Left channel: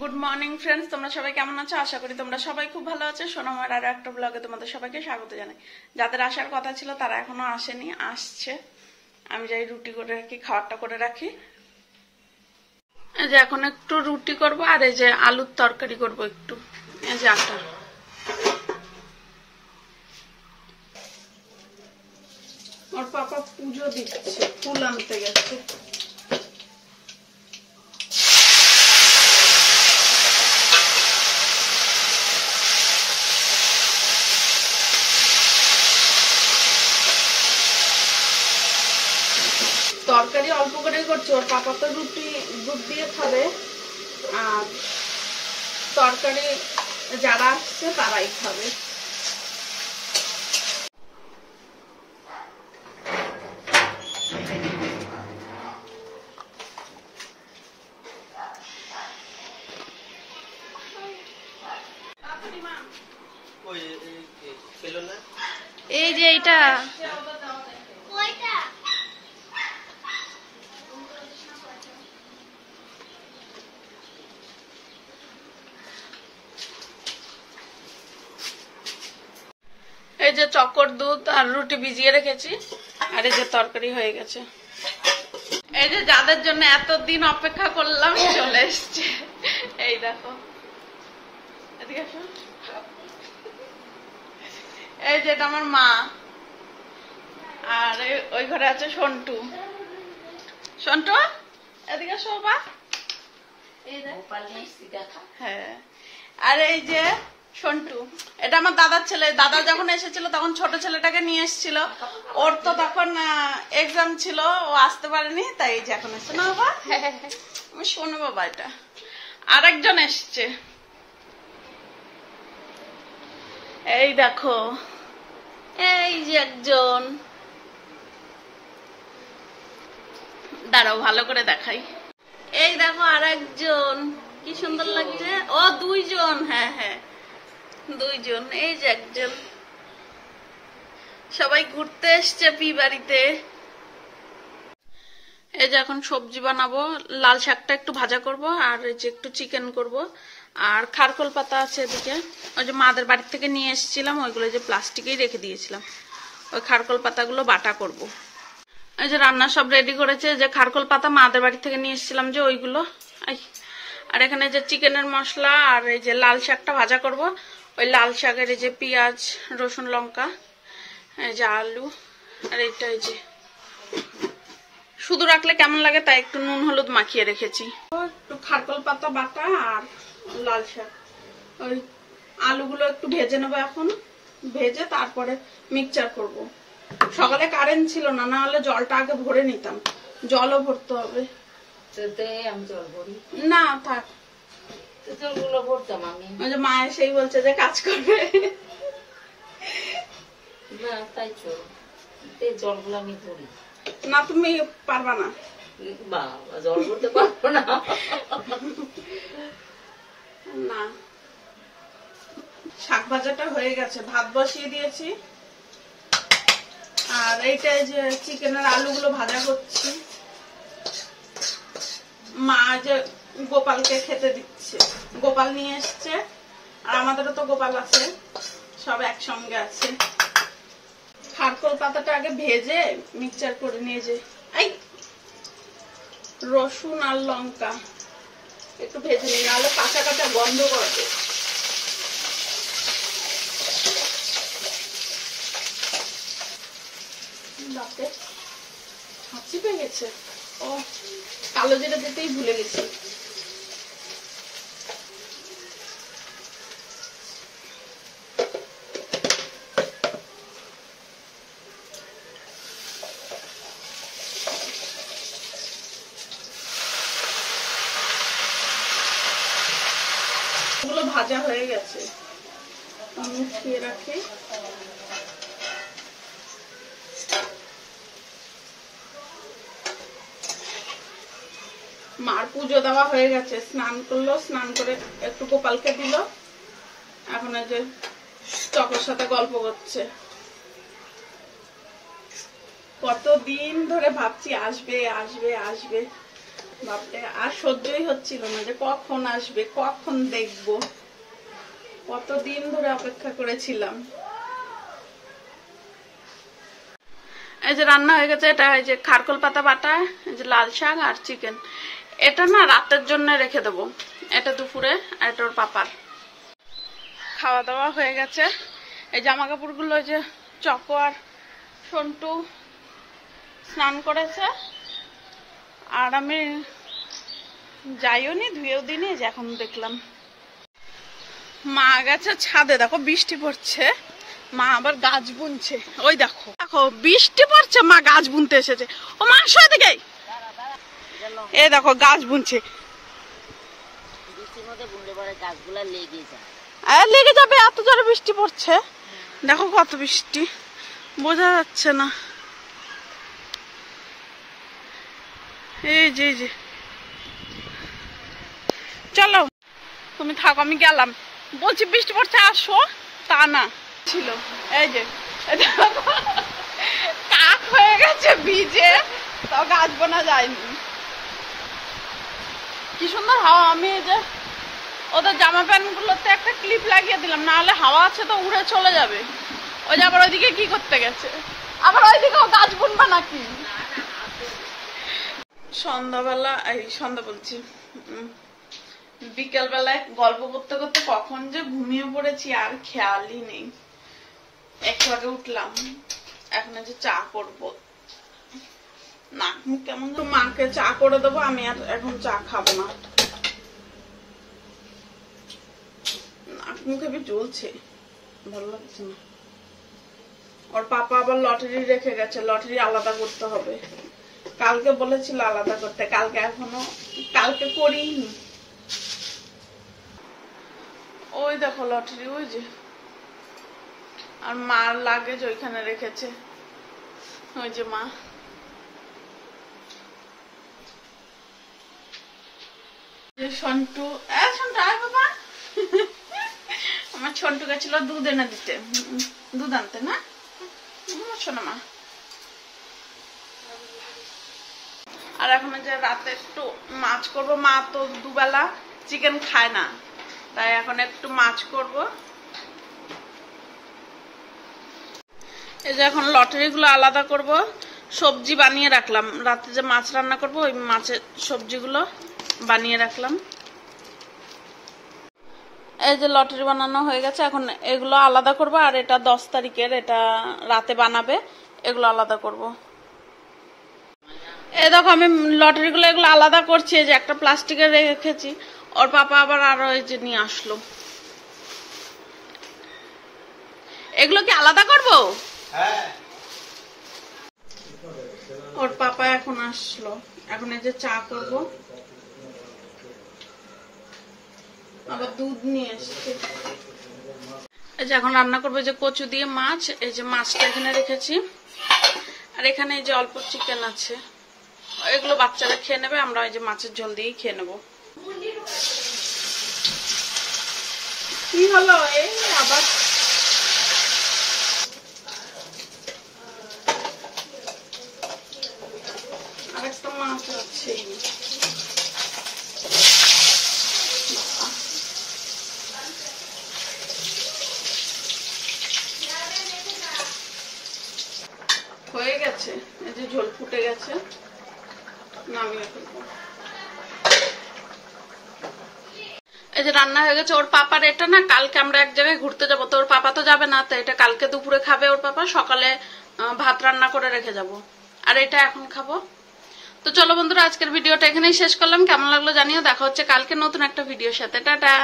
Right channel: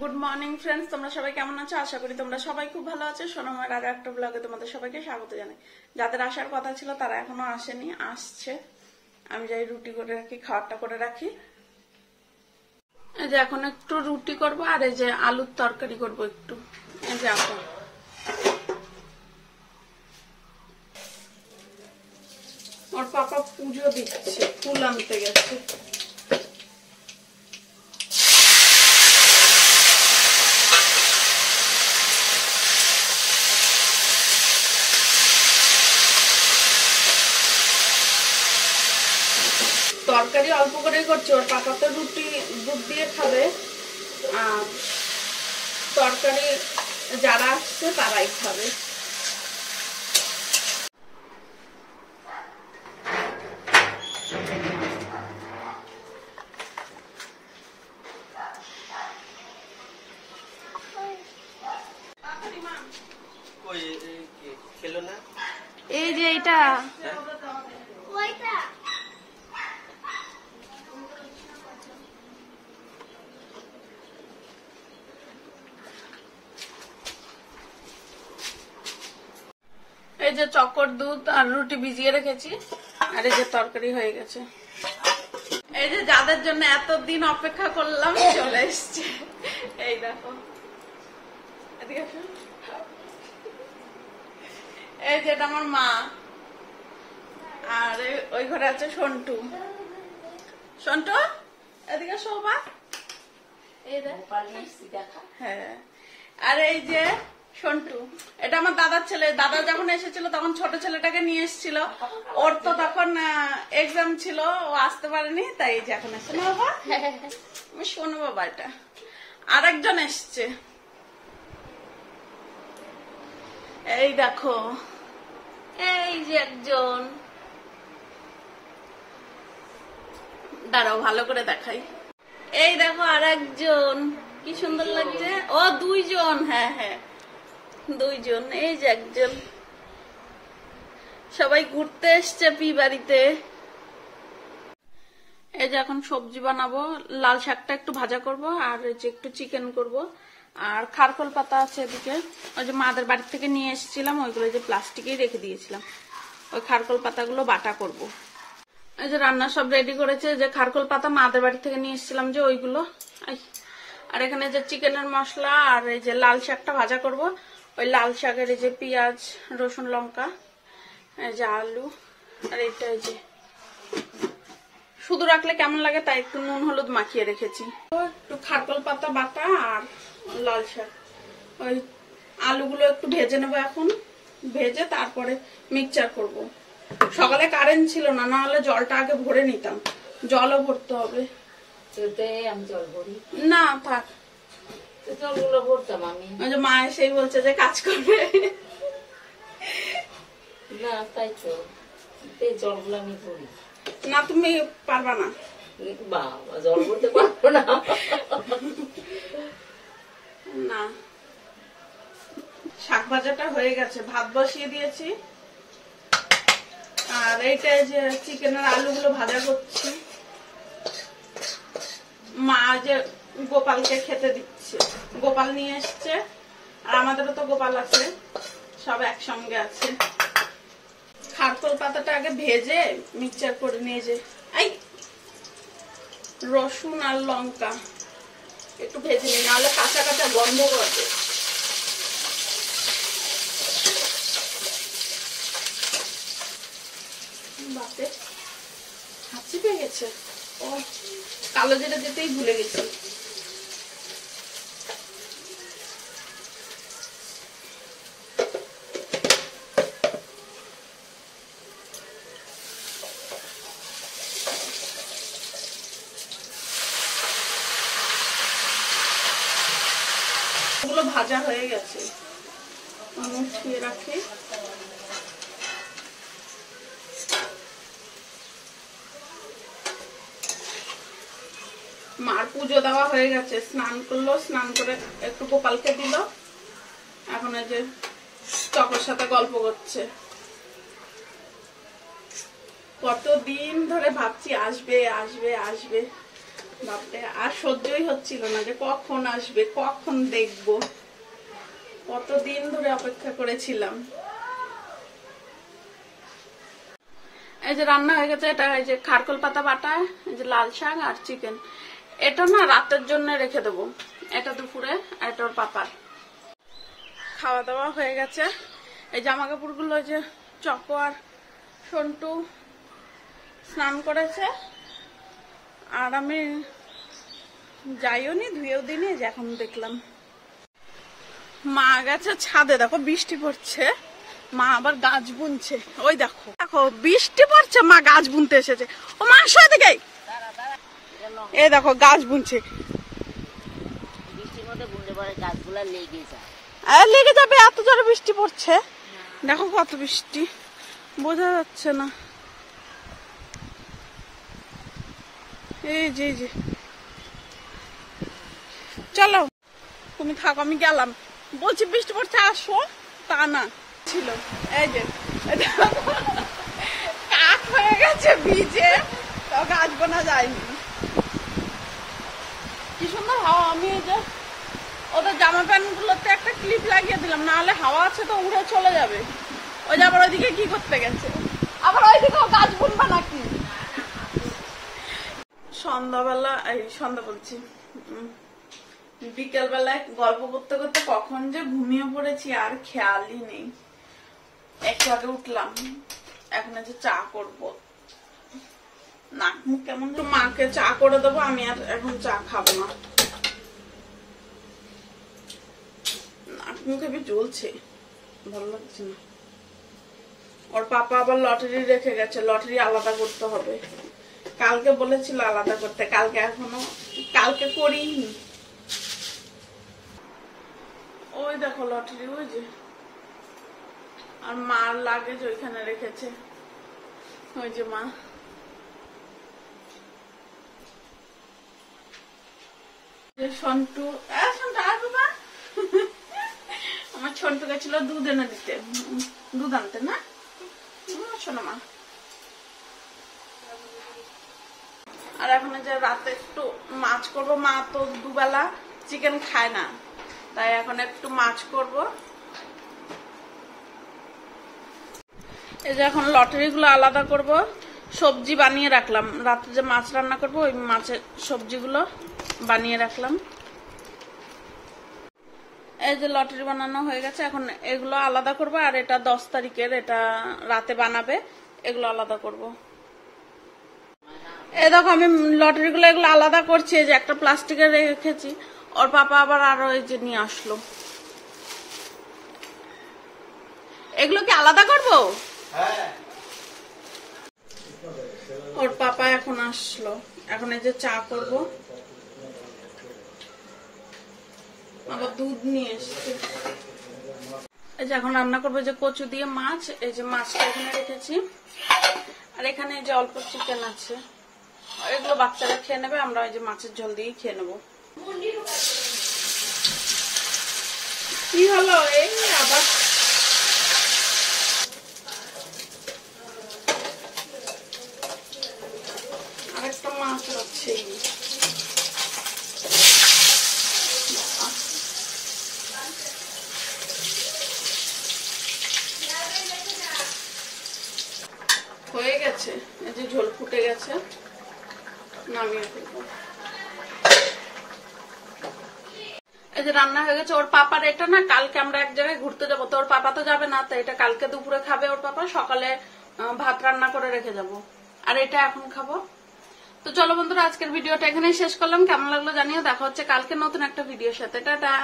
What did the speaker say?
Good morning friends, তোমরা সবাই কেমন আছো? আশা করি তোমরা সবাই খুব ভালো আছো। সোনামার আরো একটা ব্লগে তোমাদের সবাইকে স্বাগত জানাই। যাদের আসার কথা ছিল তারা এখনো আসেনি, আসছে। আমি যাই রুটি করে রাখি, খাবারটা করে রাখি। এই যে এখন একটু রুটি করব, আর এই যে আলুর তরকারি করব একটু। এই যে আটা, ওর পাপা পুজো দিচ্ছে, ফুল আনতে গেছে। তরকারি অল্প করে করছি, ওর পাপা তো রুটি দুধ দিয়ে খাবে, আর তরকারি যারা আসছে তারাই খাবে। এই যে এইটা এই যে চকর দুধ আর রুটি ভিজিয়ে রেখেছি, আর এই যে তরকারি হয়ে গেছে। এই যে যাদের জন্য এতদিন অপেক্ষা করলাম চলে এসছে। এই দেখো, এদিকে আসো। এই যে এটা আমার মা, আর ওই ঘরে আছে সন্টু। সন্টু এদিকে শোভা। হ্যাঁ, আর এই যে সন্টু, এটা আমার দাদার ছেলে। দাদা যখন এসেছিল তখন ছোট ছেলেটাকে নিয়ে এসেছিল, ওর তো তখন এক্সাম ছিল, ও আসতে পারেনি, তাই এই যে এখন এসছে না বাবা। আমি শোনো বাবা, এটা আর একজন এসছে। এই দেখো, এই যে একজন, দাঁড়াও ভালো করে দেখাই। এই দেখো আর একজন, কি সুন্দর লাগছে। ও দুইজন, হ্যাঁ হ্যাঁ দুইজন। এই যে একজন, সবাই ঘুরতে এসছে পি বাড়িতে। এই যে এখন সবজি বানাবো, লাল শাকটা একটু ভাজা করব, আর এই যে একটু চিকেন করব, আর খারকোল পাতা আছে এদিকে। ওই যে মাদের বাড়ি থেকে নিয়ে এসেছিলাম, ওইগুলো যে প্লাস্টিকেই রেখে দিয়েছিলাম, ওই খারকোল পাতাগুলো বাটা করব। এই যে রান্না সব রেডি করেছে, যে খারকোল পাতা মাদের বাড়ি থেকে নিয়ে এসেছিলাম যে ওইগুলো। আর এখানে যে চিকেনের মশলা, আর এই যে লাল শাকটা ভাজা করব। ওই লাল শাকের এই যে পেঁয়াজ, রসুন, লঙ্কা, এই যে আলু, আর এইটা এই যে শুধু রাখলে কেমন লাগে তাই একটু নুন হলুদ মাখিয়ে রেখেছি। একটু খারকোল পাতা বাটা আর লাল শাক, ওই আলুগুলো একটু ভেজে নেবো এখন, ভেজে তারপরে মিক্সচার করব। সকালে কারেন্ট ছিল না, না হলে জলটা আগে ভরে নিতাম, জলও ভরতে হবে। আমি জল ভরি না থাক, জলগুলো ভরতাম আমি। মা এসেই বলছে যে কাজ করবে। না তাই তো, জলগুলো আমি ভরি না, তুমি পারবা না। বাবা, জল ভরতে পারবো না। না, শাক ভাজাটা হয়ে গেছে, ভাত বসিয়ে দিয়েছি, আর এইটা যে চিকেনের আলুগুলো ভাজা করছি। মা যে গোপালকে খেতে দিচ্ছে, গোপাল নিয়ে এসছে, আর আমাদেরও তো গোপাল আছে, সব একসঙ্গে আছে। খারকোল পাতাটা আগে ভেজে মিক্সচার করে নিয়ে যে এই রসুন আর লঙ্কা একটু ভেজে নিই, নাহলে কাঁচা কাঁচা গন্ধ করবে। বাপরে, হাঁচি পেয়ে গেছে। ও, কালো জিরা দিতেই ভুলে গেছি। এগুলো ভাজা হয়ে গেছে, উঠিয়ে রাখি। মার পুজো দেওয়া হয়ে গেছে, স্নান করলো, স্নান করে একটু গোপালকে দিল, এখন এই যে চকর সাথে গল্প করছে। কতদিন ধরে ভাবছি আসবে আসবে আসবে, বাপরে, আর সহ্যই হচ্ছিল না যে কখন আসবে, কখন দেখবো। কতদিন ধরে অপেক্ষা করেছিলাম। এই যে রান্না হয়ে গেছে, এটা এই যে খারকোল পাতা বাটা, এই যে লাল শাক আর চিকেন। এটা না রাতের জন্য রেখে দেবো, এটা দুপুরে, আর এটা ওর পাপার। খাওয়া দাওয়া হয়ে গেছে। এই জামা কাপড়গুলো ওই যে চকো আর সন্টু স্নান করেছে, আর আমি যাইও নি, ধুয়েও দিনি। যে এখন দেখলাম মা গেছে ছাদে, দেখো বৃষ্টি পড়ছে, মা আবার গাছ বুনছে। ওই দেখো দেখো বৃষ্টি পড়ছে, মা গাছ বুনতে এসেছে। ও মা আসো এদিকে, এই দেখো গাছ বুনছে। লেগে যাবে, এত জোরে বৃষ্টি পড়ছে। দেখো কত বৃষ্টি, বোঝা যাচ্ছে না। এই যে চলো তুমি থাকো, আমি গেলাম। বলছি বৃষ্টি পড়ছে আসো, তা না ছিল। এই যে কাক হয়ে গেছে ভিজে, তাও গাছ বোনা যায়নি। কি সুন্দর হাওয়া। আমি এই যে ওদের জামা প্যান্ট গুলোতে একটা ক্লিপ লাগিয়ে দিলাম, না হলে হাওয়া আছে তো উড়ে চলে যাবে। ওই যে আবার ওইদিকে কি করতে গেছে, আবার ওইদিকেও গাছ বুনবা নাকি? সন্ধ্যাবেলা, এই সন্ধ্যা বলছি, বিকেল বেলায় গল্প করতে করতে কখন যে ঘুমিয়ে পড়েছি আর খেয়ালই নেই। একটু আগে উঠলাম, এখন যে চা করবো, নাক মুখ কেমন। তো মাকে চা করে দেবো, আমি আর এখন চা খাবো না। নাক মুখে জ্বলছে, ভালো লাগছে না। ওর পাপা আবার লটারি রেখে গেছে, লটারি আলাদা করতে হবে। কালকে বলেছিল আলাদা করতে, কালকে করিনি। ওই দেখো লটারি, ওই যে। আর মার লাগেজ ওইখানে রেখেছে, ওই যে মা। সন্টু, আয় বাবা। আমার সন্টু গেছিল দুধ এনে দিতে, দুধ আনতে না, শোনো মা। আর এখন যে রাতে একটু মাছ করব, মা তো দুবেলা চিকেন খায় না, তাই এখন একটু মাছ করব। এই যে এখন লটারি গুলো আলাদা করব, সবজি বানিয়ে রাখলাম। রাতে যে মাছ রান্না করব, ওই মাছের সবজিগুলো বানিয়ে রাখলাম। এই যে লটারি বানানো হয়ে গেছে, এখন এগুলো আলাদা করব। আর এটা 10 তারিখের, এটা রাতে বানাবে, এগুলো আলাদা করব। এই দেখো আমি লটারি গুলো এগুলো আলাদা করছি, এই যে একটা প্লাস্টিকে রেখেছি। ওর পাপা আবার আরো এই যে নিয়ে আসলো। এগুলো কি আলাদা করবো? ওর পাপা এখন আসলো, এখন এই যে চা করব। আবার দুধ নিয়ে এসছে। এই যে এখন রান্না করবো যে কচু দিয়ে মাছ। এই যে মাছটা এখানে রেখেছি, আর এখানে এই যে অল্প চিকেন আছে, এগুলো বাচ্চারা খেয়ে নেবে, আমরা ওই যে মাছের ঝোল দিয়েই খেয়ে নেবো। কি হলো? এই আবার আরেকটা মাছ আছে। হয়ে গেছে, এই যে ঝোল ফুটে গেছে, নামিয়ে ফেলবো। এই যে রান্না হয়ে গেছে। ওর পাপার এটা না, কালকে আমরা এক জায়গায় ঘুরতে যাবো, তো ওর পাপা তো যাবে না, তো এটা কালকে দুপুরে খাবে ওর পাপা, সকালে ভাত রান্না করে রেখে যাব, আর এটা এখন খাবো। তো চলো বন্ধুরা, আজকের ভিডিওটা এখানেই শেষ করলাম। কেমন লাগলো জানিও। দেখা হচ্ছে কালকে নতুন একটা ভিডিওর সাথে। টাটা।